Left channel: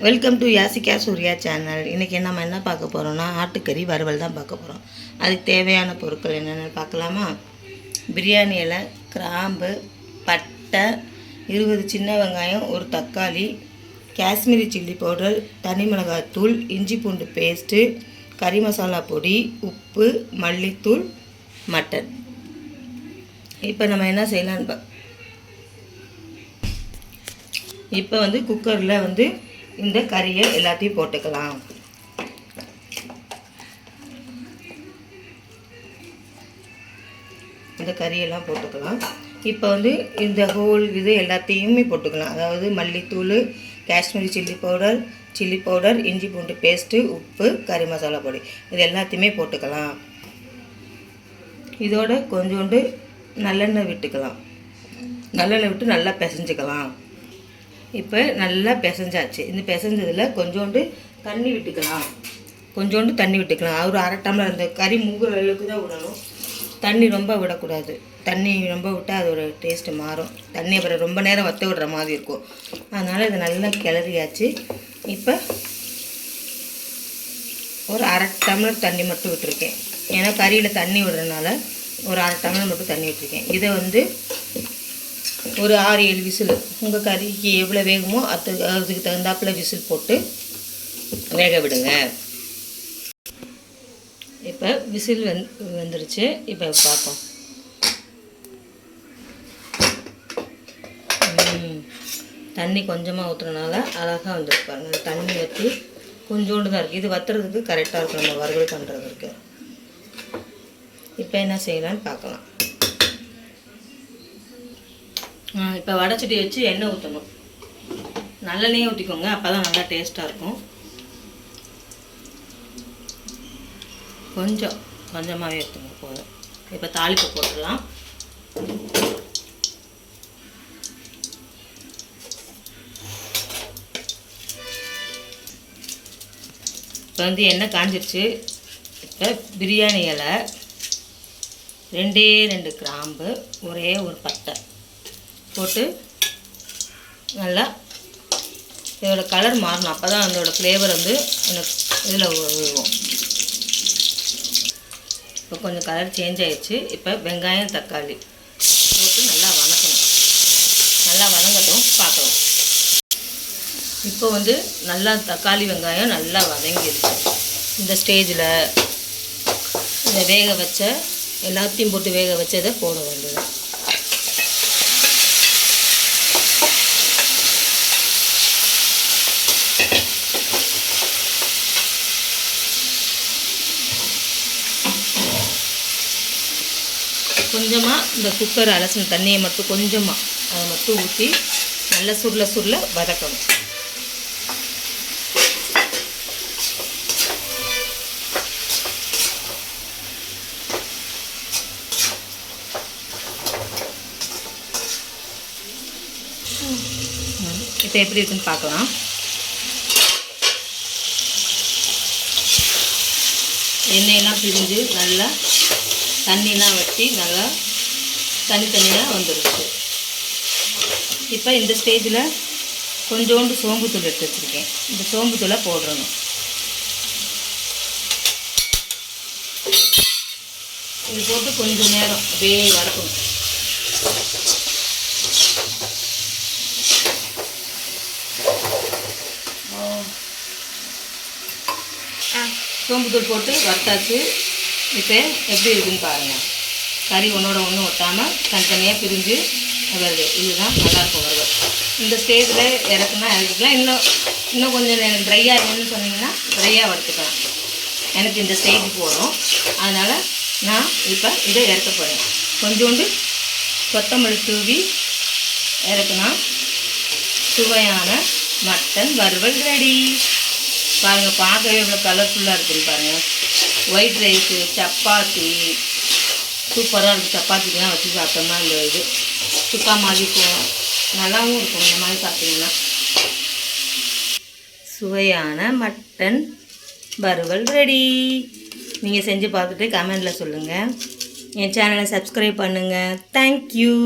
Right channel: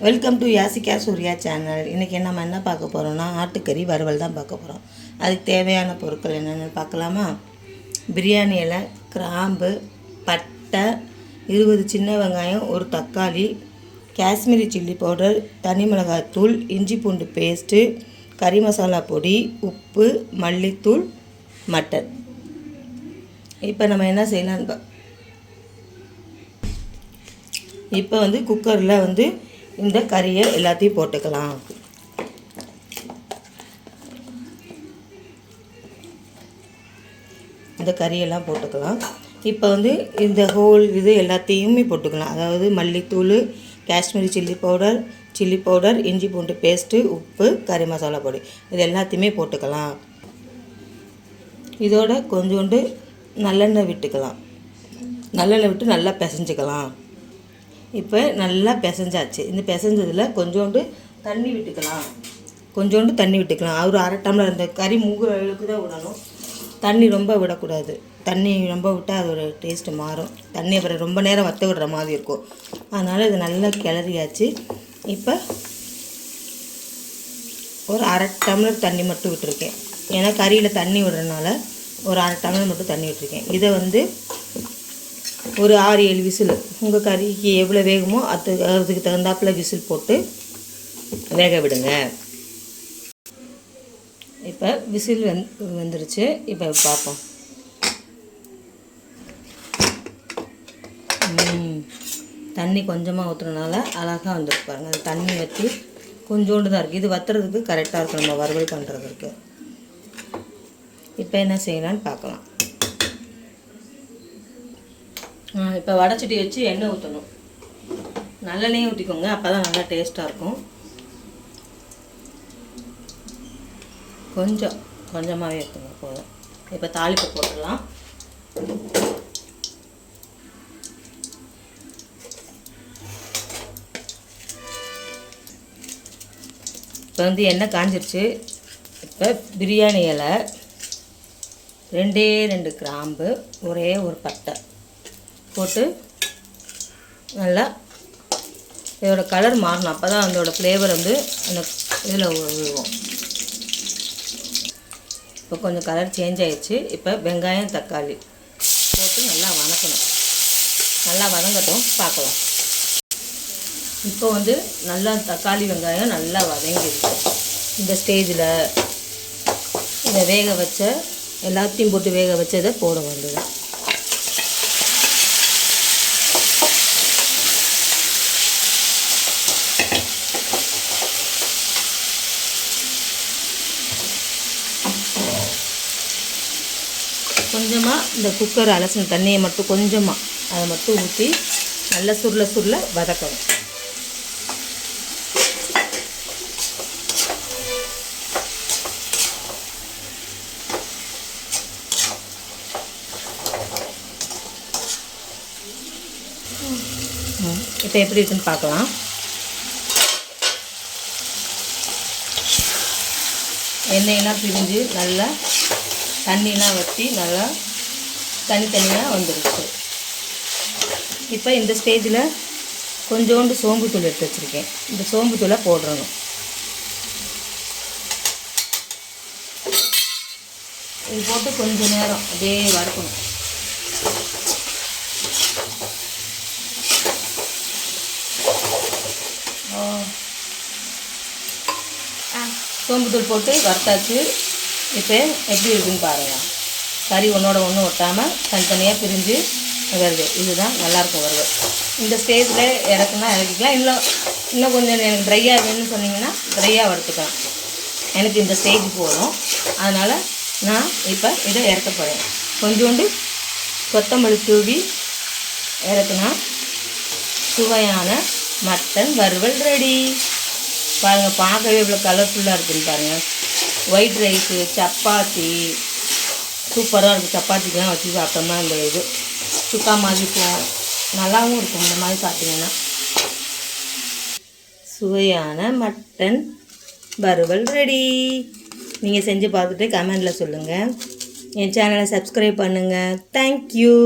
Welcome to Yashika Surya channel இன்றைக்கி நம்ம என்ன பார்க்க போகிறோம்னா ஆட்டுக்கறி வறுவல் தான் பார்க்க போகிறோம் அதுக்கு தேவையான பொருட்கள் என்னென்னு பார்க்கலாமா? பிரியாணி இலை கிராம்பு பட்டை இருபது சின்ன வெங்காயம் ஒரு தக்காளி காஷ்மீரி சில்லி பவுடர் தனி மிளகாய் தூள் இஞ்சி பூண்டு பேஸ்ட்டு கறி மசாலா பொடி உப்பு மல்லித்தூள் மட்டன். இப்போ நம்ம என்ன செய்யலான்னு பா இப்போ வந்து குக்கரில் வந்து இந்த கறியை எல்லாத்தையும் போட்டுக்கலாம். இந்த கறியெல்லாம் போட்டுக்கலாம். இப்போ வந்து இந்த ஹோல் இது எல்லாத்தையுமே போட்டுக்கலாம். அதாவது மல்லித்தூள் Kashmiri chilli powder chilli powder இஞ்சி பூண்டு பேஸ்ட்டு உப்பு கறி மசாலா பொடி. இது எல்லாத்தையுமே போட்டுக்கலாம். இதோட கொஞ்சோண்டு நல்லெண்ணெய் விட்டுக்கலாம். நல்லெண்ணெய் விட்டு நல்லா பிசைஞ்சுக்கலாம். இப்போ நல்லா பிசைஞ்சாச்சு. இந்த பிசைஞ்சதில் கொஞ்சோண்டு தண்ணி விட்டுக்கலாம். கொஞ்சோண்டு தண்ணி விட்டுக்கலாம். ஒரு அரை டம்ளர் அந்த கறி மூங்குற அளவுக்கு தான் விடணும். தண்ணி ரொம்ப விடக்கூடாது. தண்ணி ரொம்ப விட்டால் அதோட டேஸ்ட்டு மாறும். தண்ணி அப்புறம் ரொம்ப நேரம் வத்த விடுற மாதிரி இருக்கும். அதனால் இது நல்லா கிளறியாச்சு. இப்போ ஒரு அரை டம்ளர் தண்ணி மட்டும் விட்டுருக்கேன். ஏன்னா கறியில் தண்ணி விடுறதுனால ஒரு அரை டம்ளர் மட்டும் தண்ணி விட்டுருக்கேன். இதை வந்து ஒரு ஆறு ஏழு விசில். உங்கள் கறிக்கு எவ்வளோ வேகுமோ அது அதுக்கு தகுந்தாப்பில் விசில் போட்டு வேக விடுங்க. இப்போ விசில் வந் வந்துருச்சு. இப்போ பார்ப்போம் தண்ணி கொஞ்சமாக ஊற்றுறதுனால அழகாக வந்துருக்கு பாருங்க. தண்ணி வற்றி கொஞ்சோண்டு தான் இருக்குது இது வத்துறதுக்கு கரெக்டாக இருக்கும். நம்ம வறுவல் பண்ணுறதுக்கு இப்போ என்ன செய்யலாம்னு பார்க்கலாம் இப்போ வடைச்சட்டி வச்சு எண்ணெய் ஊற்றணும் நல்லெண்ணெயே ஊற்றிக்கோங்க அப்போ தான் நல்லா டேஸ்ட்டாக இருக்கும். கொஞ்சம் கொஞ்சமாகவே ஊற்றுங்க போதும். இப்போ தாளிப்பு போட்டுடலாம். இப்போ வந்து எண்ணெய் காஞ்சிருச்சு. இப்போ பிரியாணி இலை ரெண்டே ரெண்டு கிராம்பு ஒரே ஒரு பட்டை. போட்டு நல்லா இதோட கலர் மாறணும். அப்போ தான் அதோட ஃப்ளேவர் வந்து அந்த இதில் விழுவும் இப்போ கொஞ்சம் கலர் சேஞ்ச் ஆகிடுச்சு இப்போ வெங்காயம் தக்காளி போட்டு நல்லா வதக்கணும். நல்லா வதங்கட்டும். பார்க்கலாம். இப்போ வந்து நல்லா தக்காளி வெங்காயம் நல்லா வதங்கிடுச்சு. இந்த ஸ்டேஜில் இந்த வேக வச்ச எல்லாத்தையும் போட்டு வேக வச்சதை போட வேண்டியது கொஞ்சமாக இந்த குக்கர் அலசின தண்ணியை மட்டும் கொஞ்சமாக அதை மட்டும் ஊற்றி நல்லா சுருள சுருள வதக்கணும். இப்போ எப்படி இருக்குன்னு பார்க்கலாம். எண்ணெயெல்லாம் பிரிஞ்சு நல்லா தண்ணிலாம் வற்றி நல்லா தனித்தனியாக வந்துருச்சு. இப்போ இந்த ஸ்டேஜில் கொஞ்சோண்டு சோம்புத்தூள் எடுத்து வச்சுருக்கேன். இந்த சோம்புத்தூளை போடுறணும் இது போட்டு கொஞ்சம் நேரம் அப்படியே வதக்கணும். சோம்புத்தூள் போட்டு வறுத்தாச்சு. இப்போ எப்படி இருக்குன்னு பாருங்கள் கறி ஒன்றோட ஒன்று ஒட்டாமல் தனித்தனியாக பிரிஞ்சு வருது. இதுதான் நல்லாயிருக்கும் வருது. இந்த ஸ்டேஜில் இறக்குனா இறக்கிக்கலாம். இன்னும் இன்னும் கொஞ்சம் எனக்கு ட்ரையாக வேணும்னு சொன்னீங்கன்னா ட்ரையாக வறுத்துக்கலாம். எனக்கு இந்த ஸ்டேஜ் போதும். அதனால் நான் இப்போ இதை இறக்க போகிறேன் கொஞ்சோண்டு கொத்தமல்லி தூவி இறக்குனா சுவையான மட்டன் வறுவல் ரெடி பாருங்கள் பார்க்கவே இவ்வளோ கலர்ஃபுல்லாக இருக்குன்னு பாருங்கள் ஒயிட் ரைஸு சப்பாத்தி. சூப்பராக இருக்குது சப்பாத்திக்கெலாம் வச்சு சாப்பிட்டோம்னா அந்த இது சுக்கா மாதிரி இருக்கும் நல்லாவும் இருக்கும் இந்த மாதிரி பார்த்தீங்கன்னா சுவையான மட்டன் வறுவல் ரெடி நீங்கள் செஞ்சு பார்த்துட்டு கமெண்டில் சொல்லுங்கள் என் சேனலை சப்ஸ்கிரைப் பண்ணுங்கள் தேங்க்யூ